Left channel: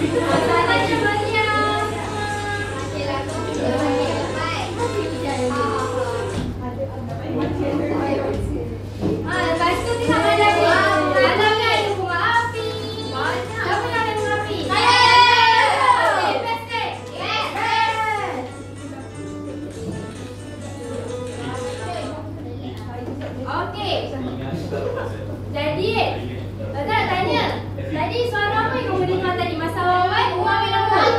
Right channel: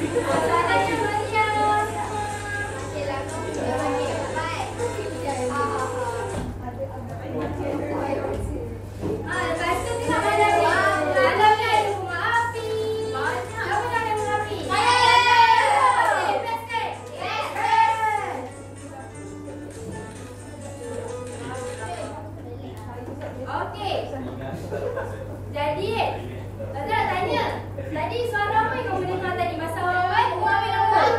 Masalahnya banyak. Lepas tu kita nak belajar ni. Dalam ni ada bunga api. Banyak. Siapa nak ada bunga api? Saya. Okey, best kan? Yes. Okey. Jadi, saya nak tanya. Tadi suara apa yang kamu dengar tadi? Masa awal, bunga api nak buat?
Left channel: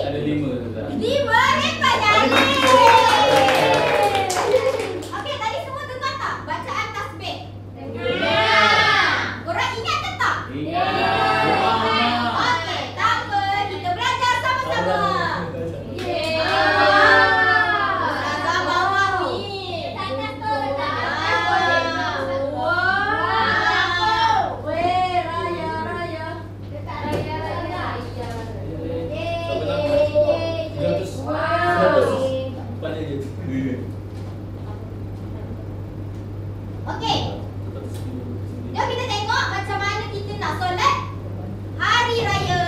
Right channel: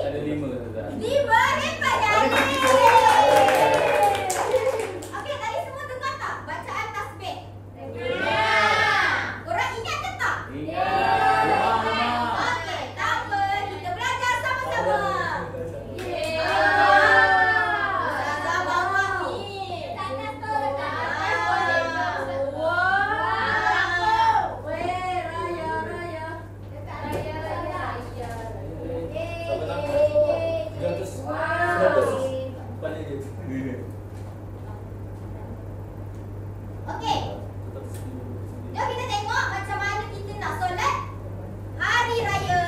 Ada 5 tak? 5 hebat jadi. Okey, tadi semua dengar tak bacaan tasbih? Korang ingat ke tak? Okey, tak apa, kita belajar sama-sama. Okey, jom kita tengok macam mana kita nak solat hari raya.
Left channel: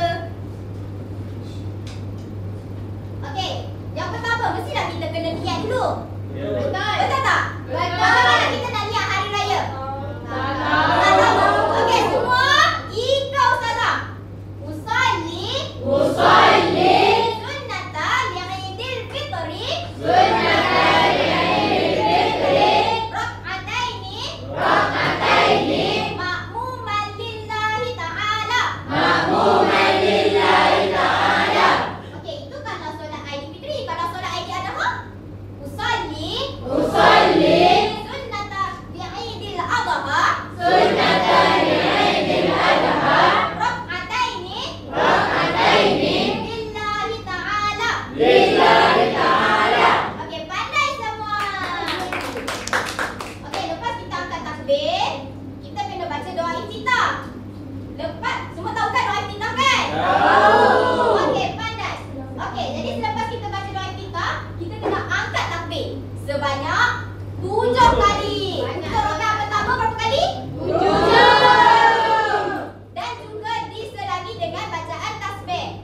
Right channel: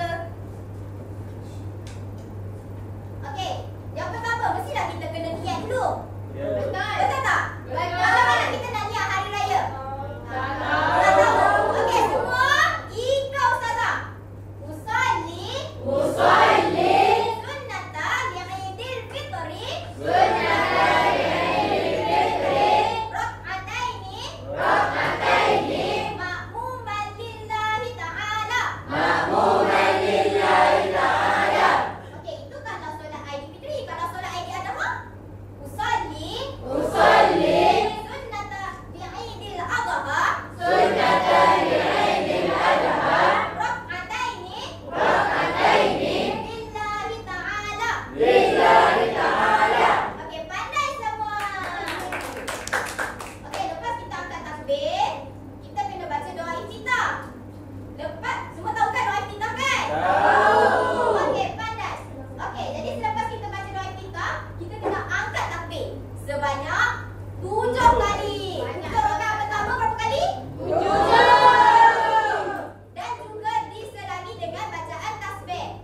Okey, yang pertama mestilah kita kena niat dulu. Betul tak? Macam mana kita nak niat hari raya? Okey, semua ikut ustazah. Usalli sunnata li'idil fitri rak'ataini ma'muman lillahi ta'ala. Okey, itu kalau solat Aidilfitri. Kalau solat Aidil Adha, usalli sunnata li'idil adha rak'ataini lillahi ta'ala. Okey, pandai semua. Okey, lepas kita angkat takbir, kita kena baca doa iftitah. Lepas, semua tahu kan doa iftitah kan? Okey, pandai. Okey, jadi selepas kita baca doa iftitah, kita kena angkat takbir sebanyak 7 kali. Untuk rakaat pertama berapa kali? 7. Dan juga diselangi dengan bacaan tasbih.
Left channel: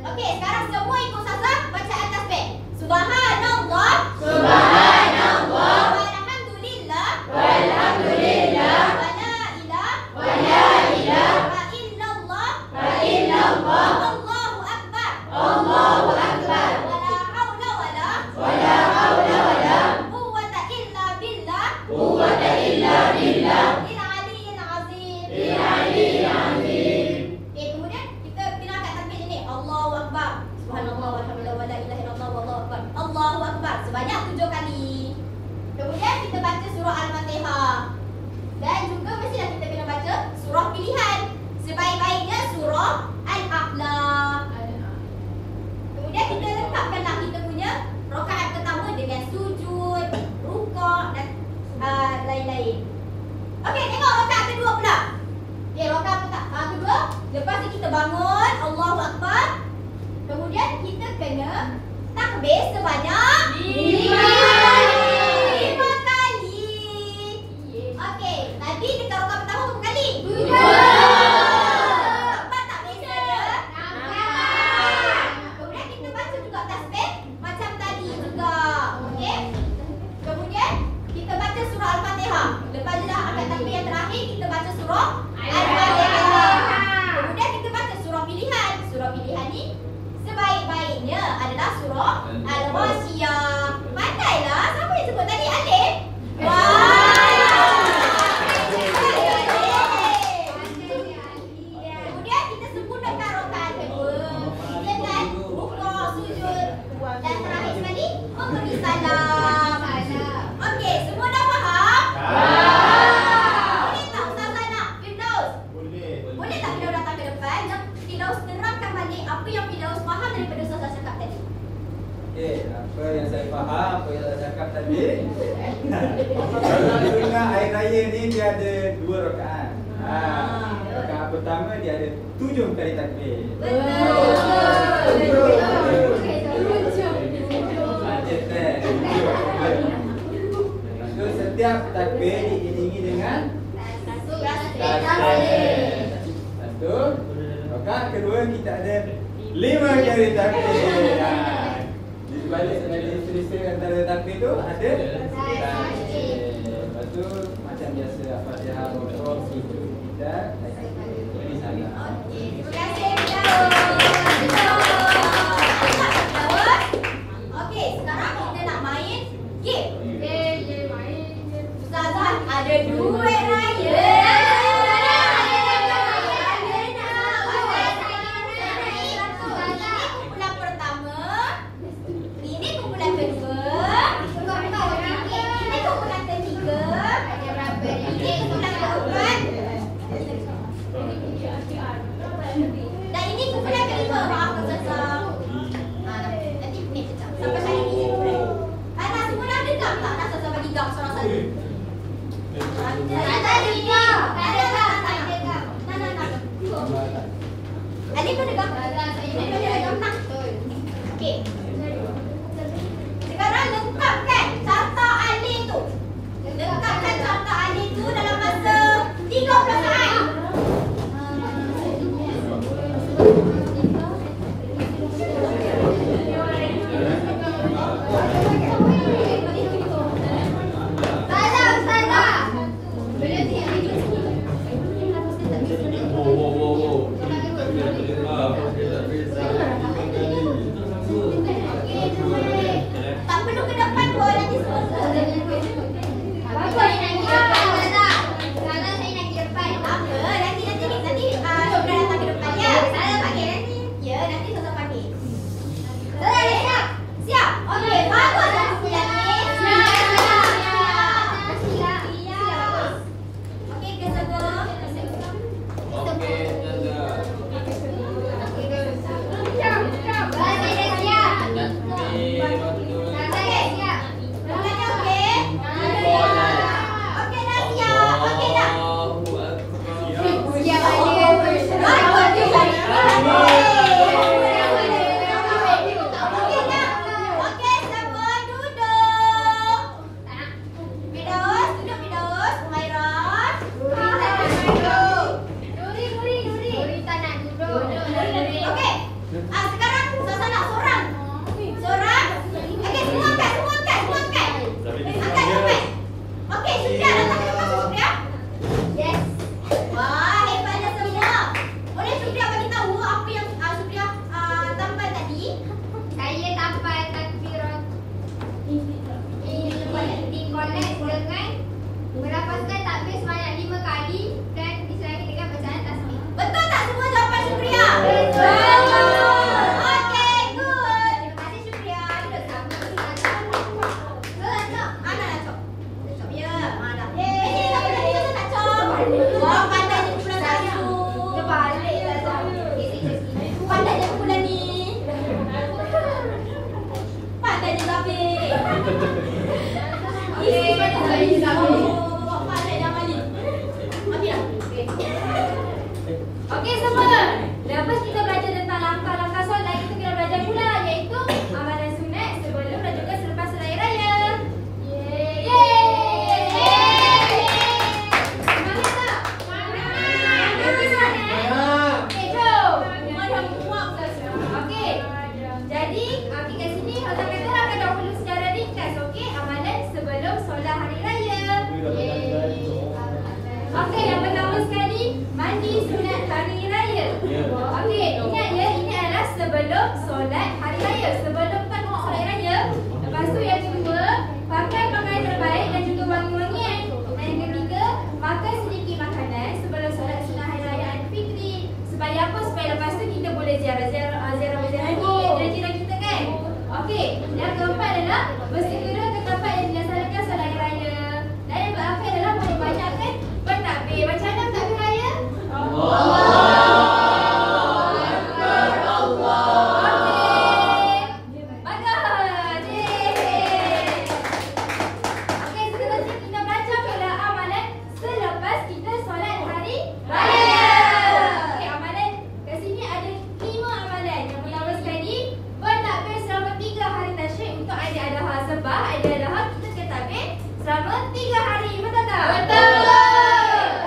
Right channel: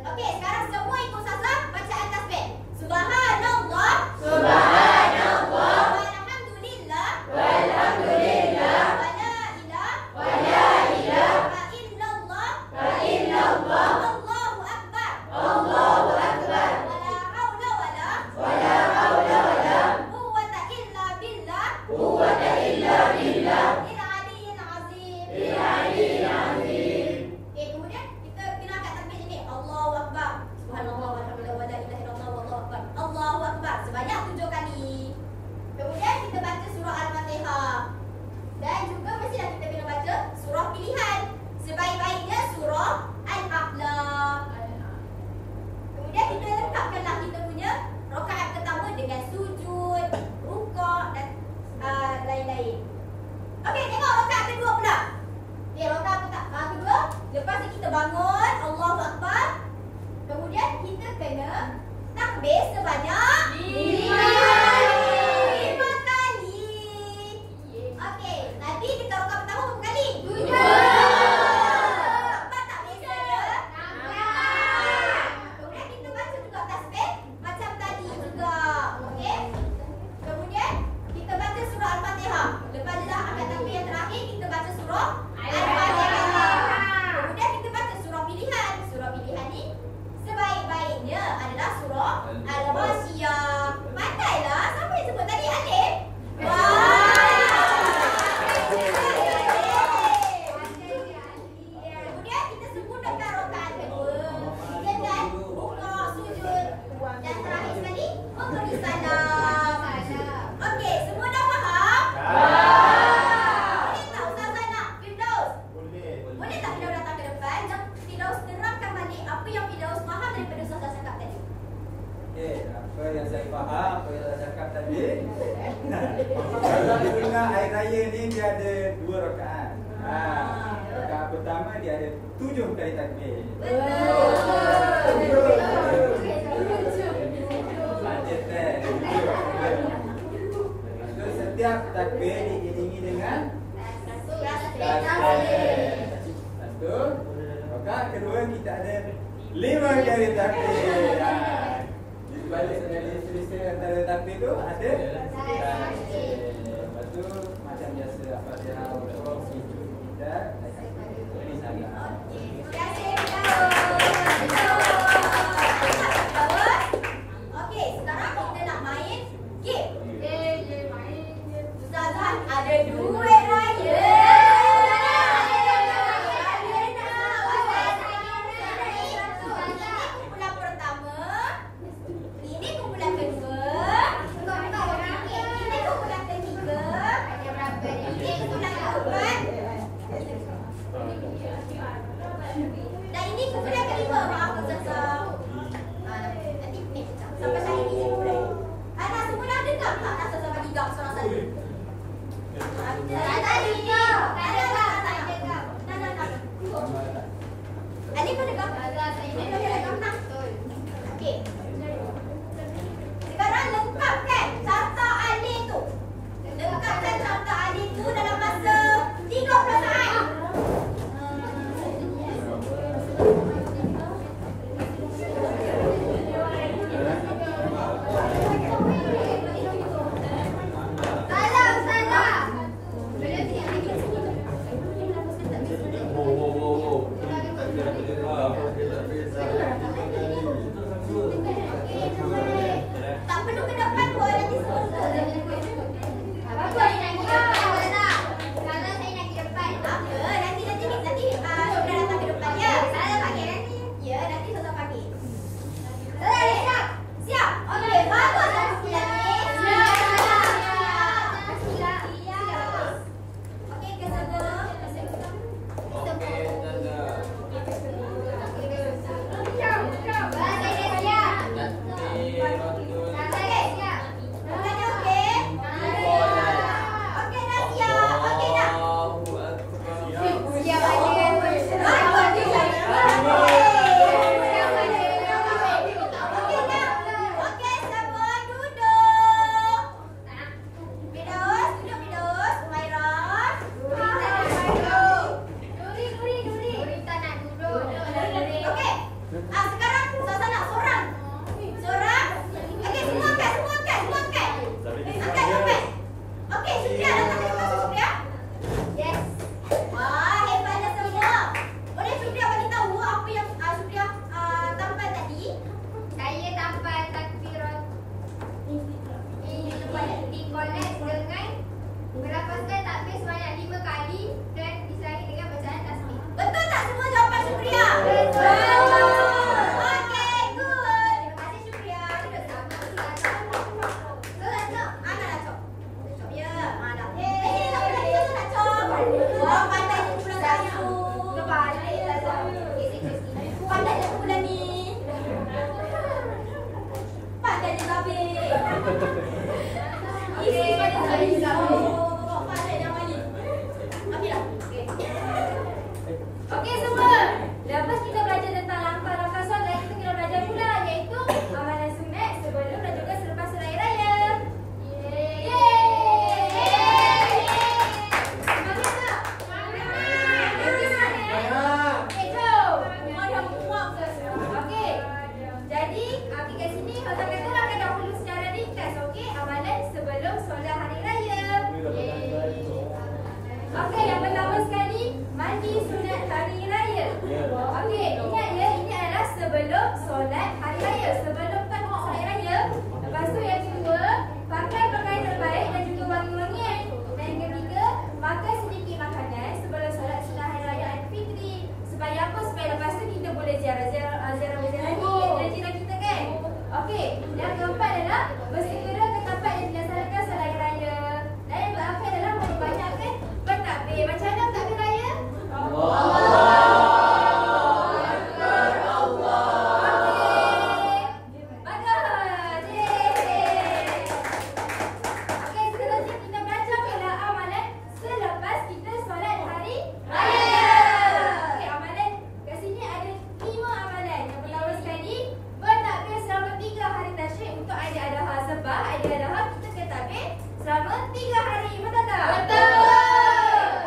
Okey, sekarang semua ikut ustazah bacaan tasbih. Subhanallah. Walhamdulillah. Wala ilaha illallah. Allahu akbar. Wala haula wala quwwata illa billah. Lil aliyyil azim. Okey, kemudian kita kena angkat takbir ni. Allahu akbar. Subhanallah walhamdulillah wala ilaha illallah wallahu akbar. Allahu akbar sebanyak 7 kali. Kemudian kita baca surah Al-Fatihah. Dan juga mestilah kita kena baca surah pilihan. Sebaik-baiknya surah Al-A'la. Kemudian kita lengkapkanlah kita punya rakaat pertama dengan sujud, rukuk dan lain-lain. Okey, tengok rakaat kedua pula. Okey, rakaat kedua, lepas ni kita bangun, Allahu Akbar. Kemudian kita kena takbir sebanyak 5 kali. Okey, tadi dekat rakaat pertama berapa kali? 7. Nampak tak beza dia? Nampak. Kemudian kita baca juga tasbih macam tadi juga. Okey. Kemudian kita baca surah Al-Fatihah. Lepas je dah angkat takbir yang terakhir, kita baca surah Al-Fatihah. Kemudian kita baca surah pilihan. Surah pilihan ni sebaik-baiknya adalah surah Al-Ghasyiyah. Pandailah. Siapa yang sebut tadi? Alif? Kemudian kita sempurnakan rakaat kedua dengan rukuk, sujud dan terakhir sekali memberi salam. Okey, semua dah faham? Boleh tak ustazah nak Firdaus? Boleh tak Firdaus datang ke depan dan Firdaus terangkan balik apa yang Firdaus faham daripada ustazah cakap tadi? Okey, apa yang saya faham, apa yang saya cakap tadi. Kalau dengar air raya ni dia ada 2 rakaat. Rakaat pertama dia ada 7 kali takbir. So setiap takbir diiringi dengan tasbih. Satu. Rakaat kedua kita ada 5 kali takbir. Di balik selisih antara takbir tu ada tasbih. Lepas tu macam biasa Al-Fatihah, rukuk, sujud kita beri salam. Terima kasih Firdaus. Okey, sekarang kita nak main game. Ustazah ada duit raya. Kumpulan pertama Jadi, kat sini Ustaz kata akan dahulu secara ringkas, okey? Amalan sebelum solat hari raya. Okey, yang pertama sekali, mandi sunat hari raya. Okey, ingat ya, ini adalah sebelum solat hari raya. Sebelum kan solat hari raya. Lepas tu yang kedua, pakai pakaian terbaik dan juga wangi-wangian. Dan yang ketiga, makan sedikit makanan sebelum solat sunat hari raya Aidilfitri. Supaya apa? Supaya lepas tu kita boleh ziarah-ziarah jiran kita kan? Okey, yang keempat adalah bersegera ke tempat yang dilaksanakan solat hari raya. Dan yang terakhir adalah banyakkan bertakbir. Macam mana bertakbir raya? Selama 3 hari, betul tak? Betul.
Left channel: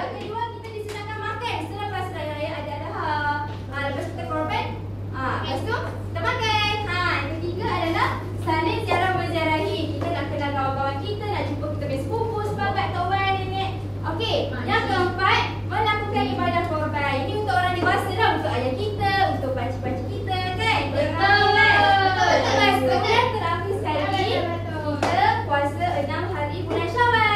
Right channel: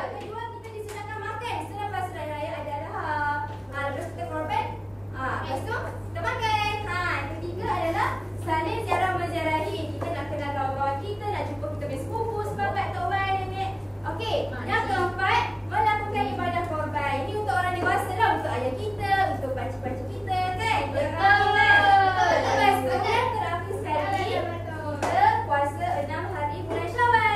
Yang kedua, kita disunatkan makan selepas raya Aidiladha. Lepas kita korban, lepas tu kita makan. Yang ketiga adalah saling ziarah menziarahi. Kita nak kenal kawan-kawan kita, nak jumpa kita punya sepupu, sepakat, kawan, nenek. Okey. Yang keempat, melakukan ibadah korban. Ini untuk orang dewasa lah, untuk ayah kita, untuk pakcik-pakcik kita kan? Betul kan? Betul. Lepas tu, yang terakhir sekali, kita puasa 6 hari bulan Syawal.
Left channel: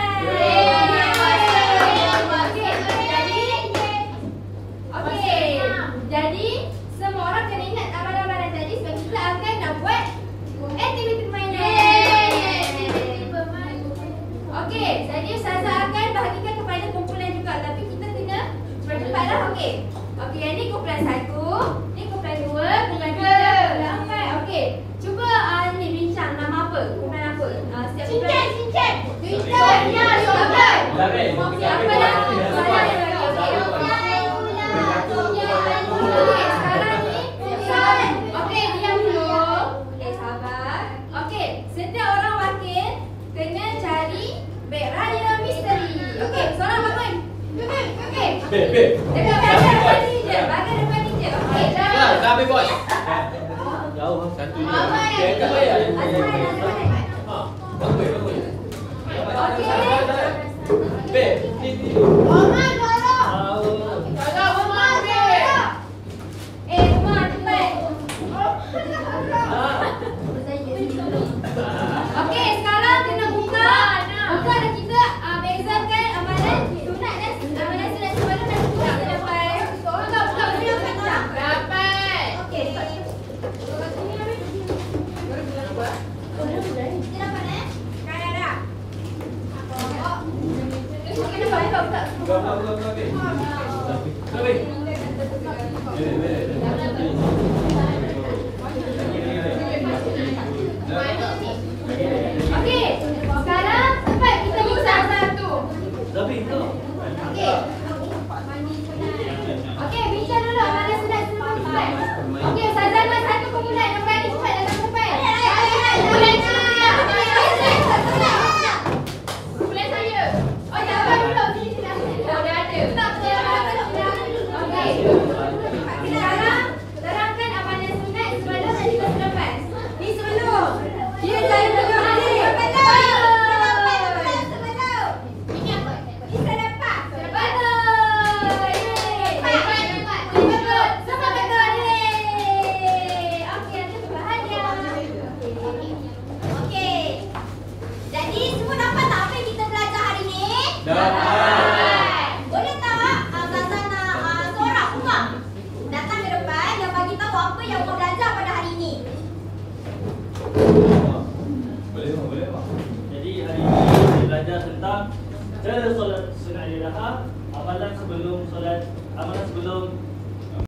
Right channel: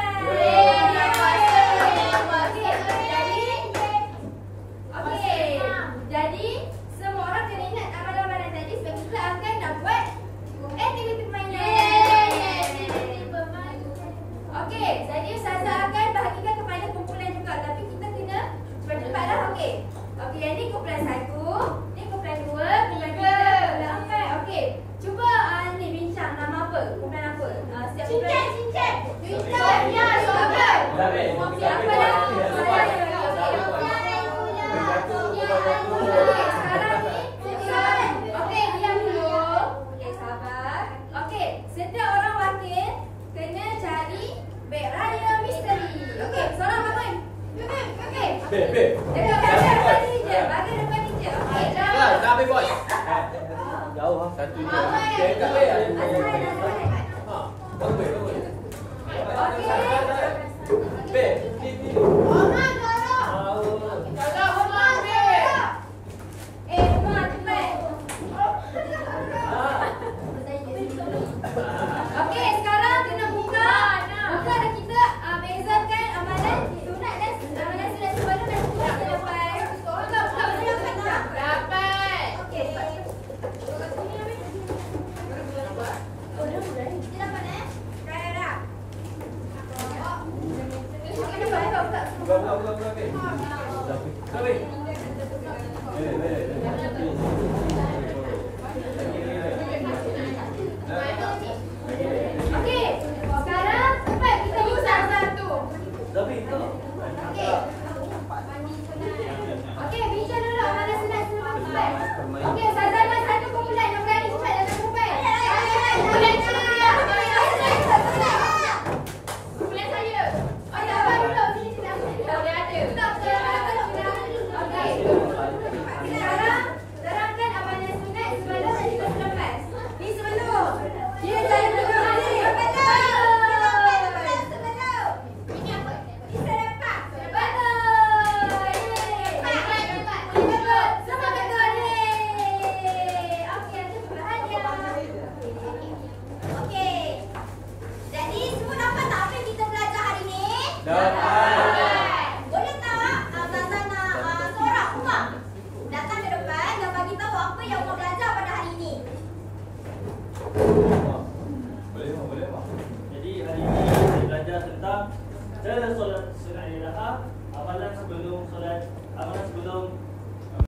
Jadi semua orang kena ingat amalan-amalan tadi sebab kita akan nak buat aktiviti permainan. Okey, jadi Ustazah akan bahagikan kepada kumpulan juga, tapi kita kena cepat-cepatlah. Okey. Okey, yang ni kumpulan 1, ni kumpulan 2, kumpulan 3, kumpulan 4. Okey. Cuba ni bincang nama apa? Kumpulan apa? Setiap kumpulan. Cincin. Ya, sobat. Okey, apa nama? Sekarang ni okey, diam dulu. Okey, sabar. Okey, setiap orang wakil kena cari beg raya misteri. Okey, seorang bangun. Okey. Dekat ni je. Bagai depan ni je. Okey, dah. Dah habis boy. Jauh satu je. Dekat dia. Bagus. Okey. Beg, ni. Omar tolong. Omar beg. Omar cepat. Okey, sekarang kena buka. Buka dan kita bezakan amalan sunat dan amalan sunat sebelum dan sunat ke depan. Buka boleh kencang. Dapat. Okey, cepat. Kita dapat dah. Ke depan buka. Okey, sekarang cepat kita buka satu. Okey. Okey, bincang dulu amalan sunat sebelum cepat. Okey, Ustazah nak satu kumpulan yang berani cepat dalam kumpulan. Kumpulan saya. Kumpulan saya. Oh, dapat dulu. Sini dah. Oh, dah ada. Okey. Sekarang terangkan amalan sunat sebelum dan juga selepas. Ni sebelum. Dia saya sebelum hari. Ini apa? Ini selepas. Betul. Semua betul ni. Okey, ada bahagia. Okey. Jadi semua dapat tak apa yang kita belajar hari ni? Dapat. Boleh tak seorang Umar datang ke depan dan bagi tahu apa yang Umar belajar pada hari ini? Boleh. Jadi hari ini kita belajar tentang cara solat sunat Aidiladha, amalan sebelum